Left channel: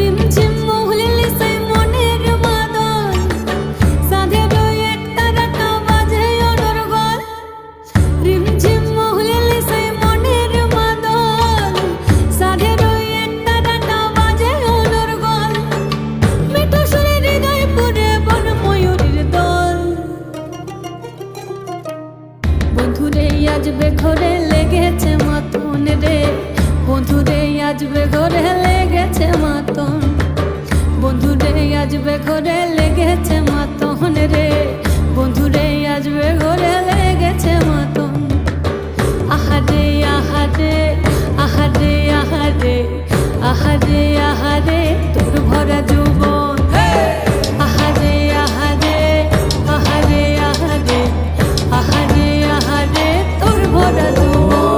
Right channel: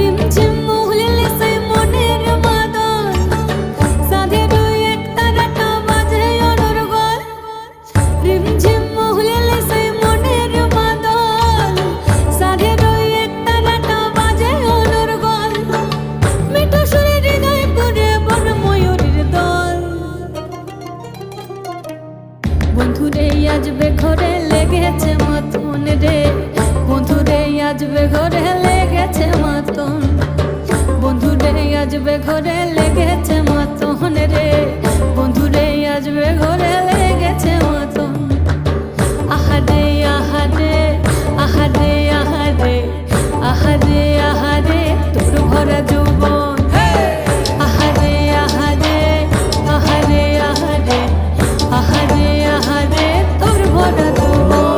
রিমঝিম মহুলিলে সেই মনের মাদল, সাধের ওই এক তারাটা বাজে অনর্গল। রিমঝিম মহুলিলে সেই মনের মাদল, সাধের ওই এক তারাটা বাজে অনর্গল। মিঠু সুরে হৃদয় পুরে বন ময়ূরীর দল। বন্ধুরে আসবে ঘরে লেগেছে মতন রে, বন্ধুরে আসবে ঘরে লেগেছে মতন। বন্ধুরে আসবে ঘরে লেগেছে মতন রে, বন্ধুরে আসবে ঘরে লেগেছে মতন। আহারে আহারে আহারে আহারে আহারে আহারে তোর ভরা যৌবন। আহারে আহারে আহারে আহারে আহারে আহারে তোর ভরা যৌবন।